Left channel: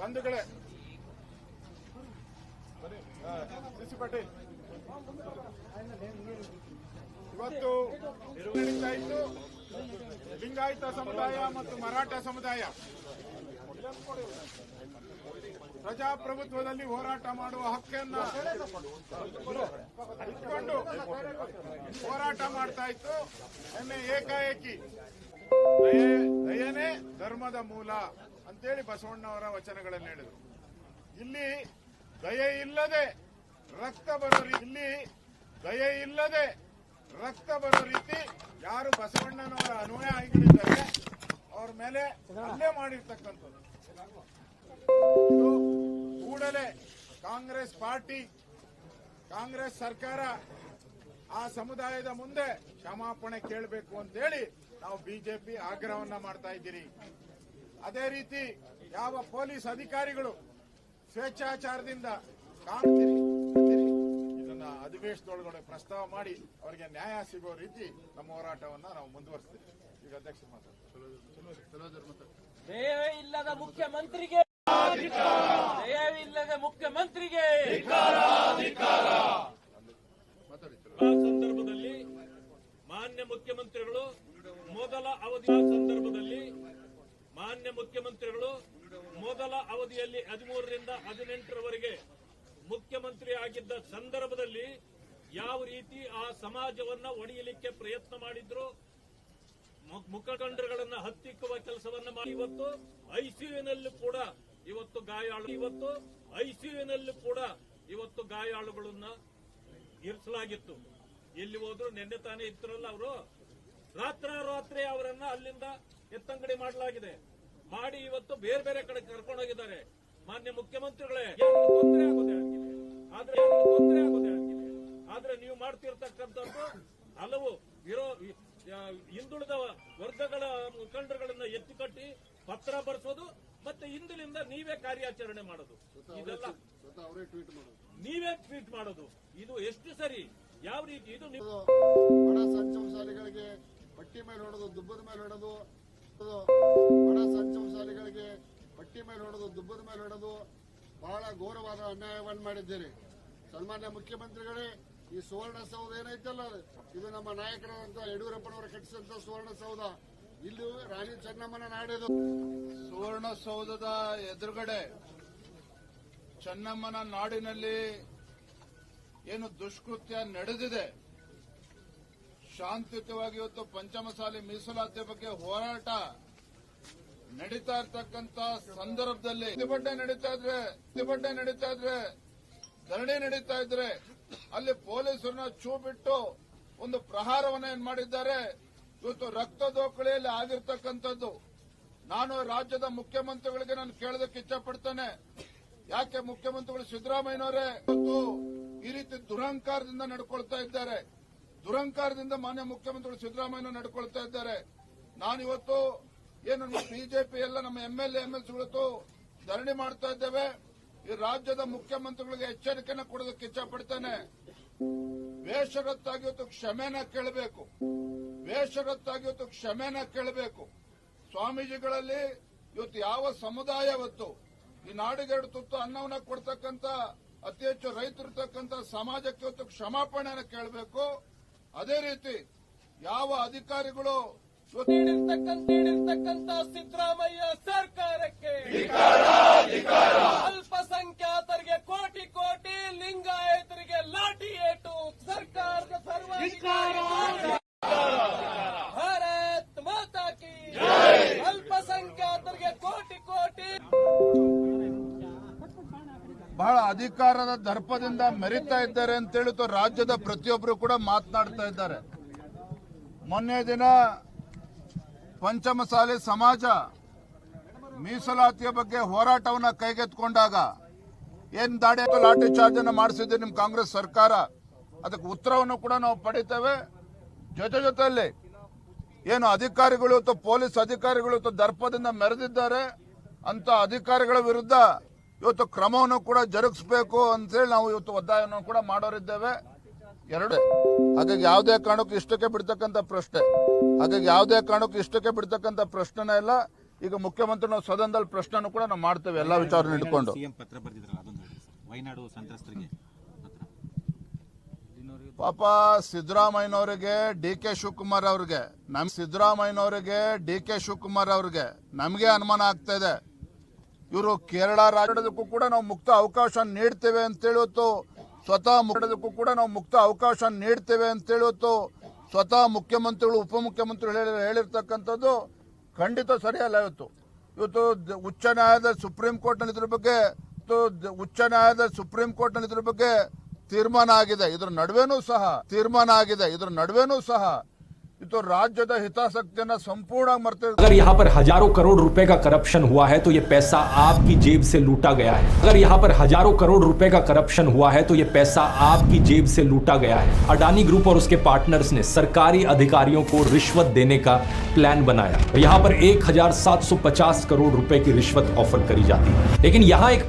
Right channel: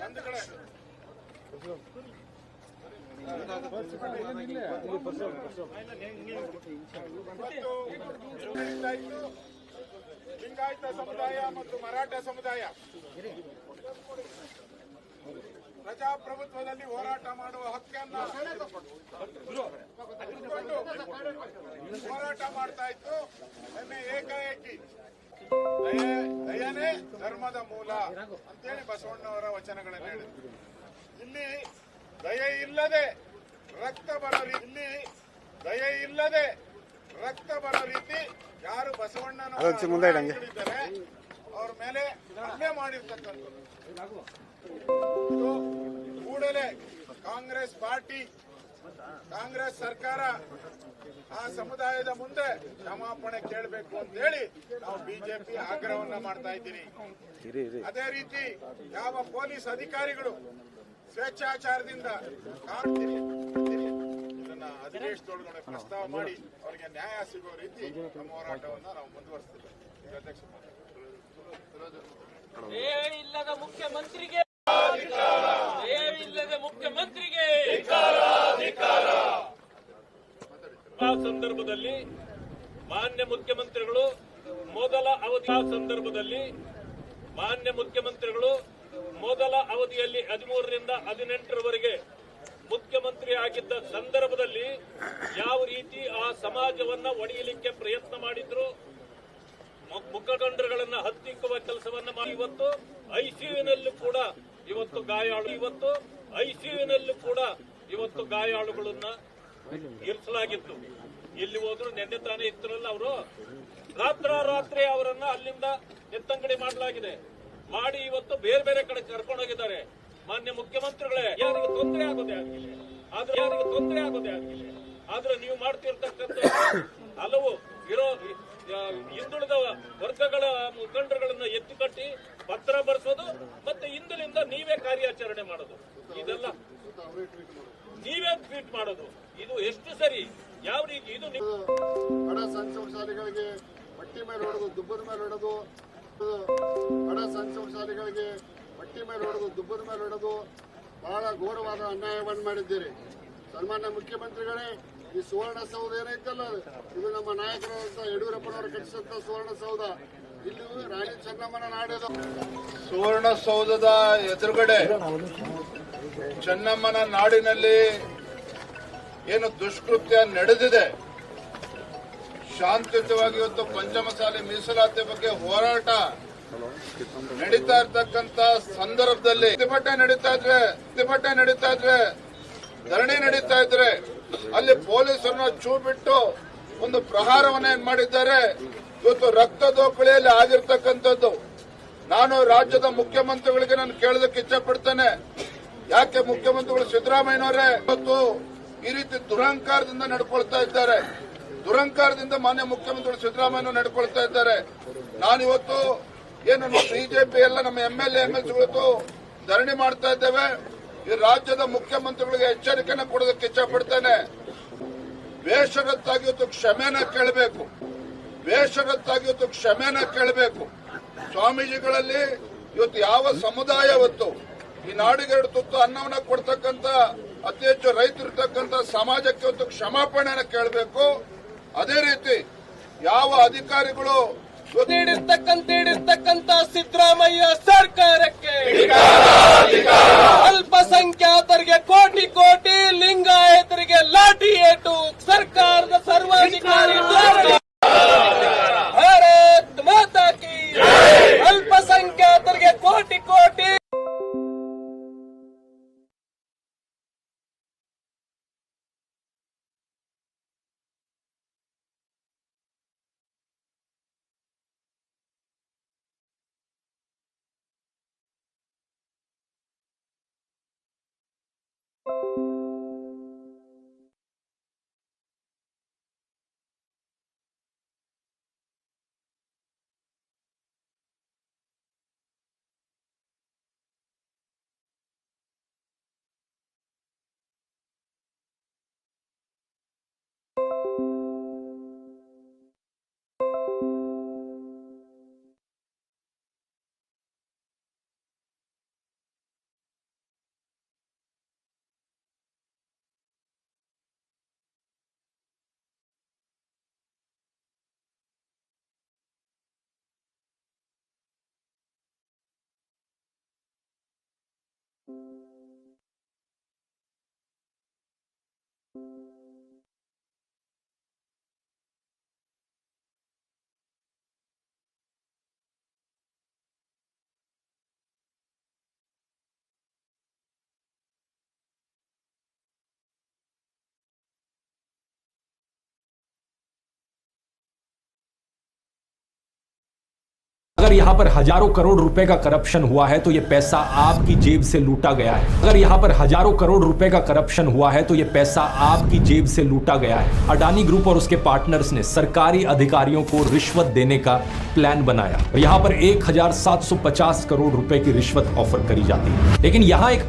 ಬಂಧುಗಳೇ. ಲಿಂಗಾಯತ ಸಮುದಾಯ ಮತ್ತು ಮರಾಠ ಸಮುದಾಯ ಪ್ರಜಾಪ್ರಭುತ್ವದಲ್ಲಿ ಹೋರಾಟ ಮಾಡುವ ಹಕ್ಕನ್ನ ಹೋರಾಟ ಮಾಡ್ತಾ ಇತ್ತು. ಏಕಾಏಕಿ. ದಯನೇ ಧರ್ಮದ ಮೂಲ ಅಂತೇಳಿ ಬಸವಣ್ಣವರ ವಚನಗಳಲ್ಲಿ ಹೇಳಿದ್ರು. ಇಲ್ಲಿ ದಯೆ ಇಲ್ಲದೆ ರಕ್ತ ಬರೋ ಇಲ್ಲಿ ದಯೆ ಇಲ್ಲದೆ ರಕ್ತ ಬರೋ ರೀತಿ ಯಾರು ಬಸವಣ್ಣನವರ ಅವ್ರ ಮೇಲೆ ಹಲ್ಲೆ ಮಾಡಿರ್ತಕ್ಕಂಥದ್ದು ಕೂಡಲೇ ಕಾಂಗ್ರೆಸ್ ಪಾರ್ಟಿ ಕಾಂಗ್ರೆಸ್ ಸರ್ಕಾರ ಆ ಸಮುದಾಯದ ಮುಂದೆ ಕ್ಷಮಾಪಣೆ ಕೇಳಬೇಕು ಅಂತ ಹೇಳಿ ನಾವು ಬಿಜೆಪಿ ಆಗ್ರಹವನ್ನ ಮಾಡ್ತಾ ಇದ್ದೀರಿ. ಅದೇ ರೀತಿ ಯಾವ ಪೊಲೀಸ್ ಅಧಿಕಾರಿಗಳು ಸ್ವೇಚ್ಛಾಚಾರದಿಂದ ಇದನ್ನ ಅಧಿವೇಶನದೊಳಗಡೆ ಪ್ರಸ್ತಾವ ಮಾಡಿ ಅವರಿಗೆ ನ್ಯಾಯ ಸಿಗೋ ರೀತಿ ನಮ್ಮ ಹೋರಾಟವನ್ನ ನಾವು ಮುಂದುವರಿಸ್ತೀವಿ. ಇಲ್ಲದ ಮುಖ್ಯಮಂತ್ರಿಗೆ. ಇಲ್ಲದ ಮುಖ್ಯಮಂತ್ರಿಗೆ. ಆ ಸಂದರ್ಭದಲ್ಲಿ ಮಾನ್ಯ ಮುಖ್ಯಮಂತ್ರಿಗಳು ಮೊದಲ ಅವಧಿಯ ಸಂದರ್ಭದಲ್ಲಿ ಮಾನ್ಯ ಮುಖ್ಯಮಂತ್ರಿಗಳು ಮೊದಲ ಅವಧಿಯಲ್ಲಿ ಹದಿಮೂರರಿಂದ ಹದಿನೆಂಟರವರೆಗೆ ಮುಖ್ಯಮಂತ್ರಿ ಆಗಿದ್ದ ಸಂದರ್ಭದಲ್ಲಿ ಯಾವ ರೀತಿ ಆ ಸಮಾಜವನ್ನ ಒಡೆಯಲಿಕ್ಕೆ ಪ್ರಯತ್ನ ಮಾಡಿದ್ರು, ಮು- ಮುಖಂಡರುಗಳನ್ನ ಹತ್ತಿಕ್ಕುವ ಕೆಲಸವನ್ನ ಮಾಡಿ. ಇವತ್ತು ಐಸಿಯುನಲ್ಲೂ ಕೂಡ ಇವತ್ತು ಗಾಯಾಳು ಇವತ್ತು ಐಸಿಯುನಲ್ಲೂ ಕೂಡ ಇವತ್ತು ಗಾಯಾಳುಗಳನ್ನ ಇರಿಸಲಾಗಿತ್ತು. ಎಲ್ಲಿ ಹೋದ್ರು ನೆನ್ನೆ ತಾನೇ ಇತ್ತರಲ್ಲ ಅವರು. ರಾತ್ರೋರಾತ್ರಿ ಅವರನ್ನ ಅಲ್ಲಿಂದ ಎತ್ತಂಗಡಿ ಮಾಡಲಾಗಿದೆ. ಮಾಡಿ ಇವತ್ತು ಬೇರೆ ಬೇರೆ ಕಡೆ ಕರ್ಕೊಂಡು ಹೋಗಿದ್ದಾರೆ. ಮಾನ್ಯ ಮುಖ್ಯಮಂತ್ರಿಗಳೇ ಯಾರಿಗೂ ತೊಂದರೆ ಆಗೋದು ಆದ್ರೆ ಯಾರಿಗೂ ತೊಂದರೆ ಆಗೋದು ಆದ್ರೆ ನೀವು ಮಾಡ್ತಿರ್ತಕ್ಕಂಥ ಹಲವು ಇರೋ ಹಿಂದುಳಿದ ವರ್ಗಗಳ ಮುಖಂಡರುಗಳನ್ನ ಎತ್ತಿಕಟ್ಟಿ ಪತ್ರ ಬರೆಸೋದು ಮತ್ತೆ ಇಂದಿನಿಂದ ನೀವೇ ಕಾರ್ಯಾಚರಣೆ ಮಾಡೋದು. ಇದೆಲ್ಲ ನೀವೇ ಟ್ವೀಟ್ ಮಾಡೋದು. ಇದು ಎಷ್ಟು ಸರಿ? ಯಾವ ರೀತಿ ಇದು ಬಡ ಬಟ್ಟಿ ಮೇಲೆ ಹೊಡೆದು ದುಬ್ಬದ ಮೇಲೆ ಹೊಡೆದು, ಬಡ ಸಂಚಮಶಾಲಿಗಳಿಗೆ ಬಟ್ಟಿ ಮೇಲೆ ಹೊಡೆದು ದುಬ್ಬದ ಮೇಲೆ ಹೊಡೆದು ಬಹಳ ಘೋರವಾದ ಅನ್ಯಾಯವನ್ನು ಮಾಡಿದ್ದೀರಿ. ಸನ್ಮಾನ್ಯ ಮುಖ್ಯಮಂತ್ರಿಗಳೇ, ಈ ಸುವರ್ಣ ಸೌಧ ಏನೈತಲ್ಲ ಇದು ನಮ್ಮ ನಾಯಕರಾದಂತಹ ಯಡಿಯೂರಪ್ಪನವರು ಸುವರ್ಣ ಸೌಧ. ಇಲ್ಲಿ ರಾಣಿ ಚೆನ್ನಮ್ಮನ ಸುವರ್ಣ ಸುವರ್ಣಸೌಧದ ಎದುರುಗಡೆ ಚೆನ್ನಮ್ಮನ ನಾಡಿನಲ್ಲಿ ಏನು ದುಷ್ಕೃತ್ಯ ನಡೆದಿದೆ? ಶಾಂತಿಯುತವಾಗಿ ಇವತ್ತು ಪಂಚಮಸಾಲಿ ಮೀಸಲಾತಿ ಬಗ್ಗೆ ಹೋರಾಟ ನಡೀತಾ ಇರ್ತಕ್ಕಂತ ಸಂದರ್ಭದಲ್ಲಿ ಪ್ರತಿಭಟನೆ ನಡೀತಾ ಇದ್ರೆ, ಪ್ರತಿಭಟನೆ ನಡೀತಾ ಇದ್ರೆ, ಧರಣಿ ನಡೀತಾ ಇದ್ರೆ ಅಲ್ಲಿ ಪೊಲೀಸರನ್ನ ಚೂ ಬಿಟ್ಟು ಒಂದು ಪ್ರಹಾರವನ್ನ ಏನ್ ಮಾಡಿದ್ದಾರೆ? ಇವತ್ತು ರಕ್ತ ದೋಕಳಿಯಲ್ಲಿ ಆಗಿರ್ತಕ್ಕಂಥದ್ದು. ನಾನು ರಾಜ್ಯದ ಮುಖ್ಯಮಂತ್ರಿಗಳಿಗೆ ನಾನು ಕೇಳೋದಕ್ಕೆ ಇಚ್ಛೆ ಪಡ್ತೇನೆ. ಯಾಕೆ ಮುಖ್ಯಮಂತ್ರಿಗಳು ಸಿದ್ದರಾಮಯ್ಯನವರೇ? ಇವತ್ತು ಈ ರೀತಿ ದುರಹಂಕಾರದಿಂದ ನಡ್ಕೊಳ್ತಾ ಇದ್ದಾರೆ. ದುರಹಂಕಾರದಿಂದ ಮಾನ್ಯ ಮುಖ್ಯಮಂತ್ರಿಗಳು ಸಿದ್ದರಾಮಯ್ಯ ನಡ್ಕೊಳ್ತಾ ಇದ್ದಾರೆ. ನಾನಿವತ್ತು ಏನು ಬಿಜೆಪಿ ಎಲ್ಲ ನಮ್ಮ ಎಂ ಎಲ್ ಎಂ ಎಲ್ ಧರಣಿ ಮಾಡ್ತಾ ಇದ್ದೇವೆ. ಈ ರಾಜ್ಯದ ಮುಖ್ಯಮಂತ್ರಿಗಳಿಗೆ ಎಚ್ಚರಿಕೆಯನ್ನು ಕೊಡೋದಕ್ಕೆ ಇಚ್ಛೆ ಪಡ್ತೇನೆ ಬೇಷರತ್ತಾಗಿ ಇವತ್ತು ಕ್ಷಮೆನ ಕೇಳಬೇಕು. ಬೇಷರತ್ತಾಗಿ ಇವತ್ತು ಕ್ಷಮೆನ ಕೇಳಬೇಕು. ಸ್ವಾಮೀಜಿಗಳಲ್ಲಿ ಇವತ್ತು ಯಾವ ಸಮುದಾಯ ಹೊತ್ತು ಈ ನಾಡಿಗೆ ಎರಡು ತುತ್ತು ಅನ್ನವನ್ನ ಕೊಡ್ತಕ್ಕಂತ ಅತಿ ಹೆಚ್ಚು ರೈತರಿರ್ತಕ್ಕಂತ ಸಮಾಜಕ್ಕೆ ಇವತ್ತು ಕ್ಷಮಾಪಣೆಯನ್ನು ಕೇಳಬೇಕು. ಅದೇ ರೀತಿ ಯಾವ ಅಧಿಕಾರಿಗಳು ಸಿದ್ದರಾಮಯ್ಯ ಸರ್ಕಾರಕ್ಕೆ ಮೆರಿತಾ ಇದ್ದಾರೆ ಅಂತ ಹೇಳಿತು ರಾಜ್ಯದ ಪ್ರತಿಯೊಬ್ಬರು ಕೂಡ ಮಾತನಾಡ್ತಾ ಇದ್ದಾರೆ. ಮೊನ್ನೆ ದಿನ ಪಂಚಮಸಾಲಿ ಸಮಾಜ ಮೀಸಲಾತಿಯ ಬಗ್ಗೆ ಹೋರಾಟವನ್ನ ಕೈಗೆತ್ಕೊಂಡಾಗ ಏನ್ ದಾಡಿ ಲಾಠಿ ಚಾರ್ಜ್ ಅನ್ನ ಮಾಡಿಸಿದ್ದೆ ನಿಮ್ ಕಾಂಗ್ರೆಸ್ ಸರ್ಕಾರ? ಅದಕ್ಕೆ ಉತ್ತರವನ್ನು ಕೂಡ ನಾವು ಪಡಿತೇವೆ. ಜೊತೆ ಜೊತೆಯಲ್ಲಿ ಏನು ಅಧಿಕಾರಿಗಳು ಅಥವಾ ಪೊಲೀಸ್ ಅಧಿಕಾರಿಗಳು ಅಥವಾ ದರ್ಪದಿಂದ ಮೆರೆದಿದ್ದಾರೆ ಅಂತ ಅಧಿಕಾರಿಗಳ ವಿರುದ್ಧ ಇವತ್ತು ಕ್ರಮವನ್ನು ಕೂಡ ಜರುಗಿಸಬೇಕು ಅಂತೇಳಿ ನಾವು ಇವತ್ತು ಒತ್ತಾಯವನ್ನು ಕೂಡ ಮಾಡೋರಿದ್ದೇವೆ. ಎರಡು ಹಾಗಾಗಿ ಯಾವುದೇ ಕಾರಣಕ್ಕೂ ಇಷ್ಟಕ್ಕೆ ಬಿಡ್ತಕ್ಕಂಥ ಪ್ರಶ್ನೆ. ಹಾಗಾಗಿ ಯಾವುದೇ ಕಾರಣಕ್ಕೂ ಇಷ್ಟಕ್ಕೆ ಬಿಡ್ತಕ್ಕಂಥ ಪ್ರಶ್ನೆನೇ ಇಲ್ಲ. ಈಗ ಮುಖ್ಯಮಂತ್ರಿ ನಾವು ಸದನದಲ್ಲಿ ಪ್ರಶ್ನೆನೂ ಕೂಡ ನಾವು ಮಾಡ್ತೇವೆ ಎಲ್ಲ ವಿಚಾರ ಇಟ್ಕೊಂಡು ಪಾಪ ಸಿದ್ದರಾಮಯ್ಯನವರಿಗೆ ಡಿ ಕೆ ಶಿವಕುಮಾರ್ ಅವ್ರಿಗೆ ನಮ್ ಸಿದ್ದರಾಮಯ್ಯನವರಿಗೆ ಡಿ ಕೆ ಶಿವಕುಮಾರ್ ಅವ್ರಿಗೆ ನಮಗೆ ಅನುಮಾನ ಆಗ್ತಾ ಇದೆ. ಇವರು ಕೇರಳ ರಾಜ್ಯದಕ್ಕೂ ಕೂಡ ನಾವು ಮುಕ್ತ ಅವಕಾಶ ನೀಡ್ತೇವೆ ಅಂತೇಳಿ ಹೇಳುತ್ತು, ಸ್ವತಃ ಮಾಡೋದಕ್ಕೂ ಕೂಡ ನಾವು ಮುಕ್ತ ಅವಕಾಶ ನೀಡ್ತೇವೆ ಅಂತ ಹೇಳುತ್ತು, ಸ್ವತಃ ಮುಖ್ಯಮಂತ್ರಿಗಳು, ಉಪಮುಖ್ಯಮಂತ್ರಿಗಳು ಹೇಳಿ, ಹೇಳಿರ್ತಕ್ಕಂಥದ್ದು ಖಂಡಿತ ಸರಿಯಲ್ಲ ಇವತ್ತು. ಇವತ್ತು ಉಚ್ಚ ನ್ಯಾಯಾಲಯದ ಸುಪ್ರೀಂ ಕೋರ್ಟ್ನಲ್ಲಿ ಇದ್ರ ಬಗ್ಗೆ ಉಚ್ಚ ನ್ಯಾಯಾಲಯದ ಸುಪ್ರೀಂ ಕೋರ್ಟ್ನಲ್ಲಿ ಇದ್ರ ಬಗ್ಗೆ ತೀರ್ಮಾನ ಆಗಿದೆ. ಇದ್ರ ನಡುವೆನೂ ಸಹ, ತೀರ್ಮಾನ ಆಗಿದೆ. ಇದ್ರ ನಡುವೆನೂ ಸಹ ಇವತ್ತು ರಾಜ್ಯದ ಹಿತಾಸಕ್ತಿಯನ್ನ ಸಂಪೂರ್ಣ ಮರ್ತ अगर यहाँ पर हजारों करोड़ रुपए का करप्शन हुआ है तो ये पैसा आपकी जेब से लूटा गया है अगर यहाँ पर हजारों करोड़ रुपए का करप्शन हुआ है तो ये पैसा आपकी जेब से लूटा गया है अडानी ग्रुप और उसके पार्टनर्स ने सरकारी अधिकारियों को रिश्वत देने का प्लान बनाया और यहाँ पर 1750 करोड़ रुपए की रिश्वत ऑफर करी जाती है लेकिन यहाँ एक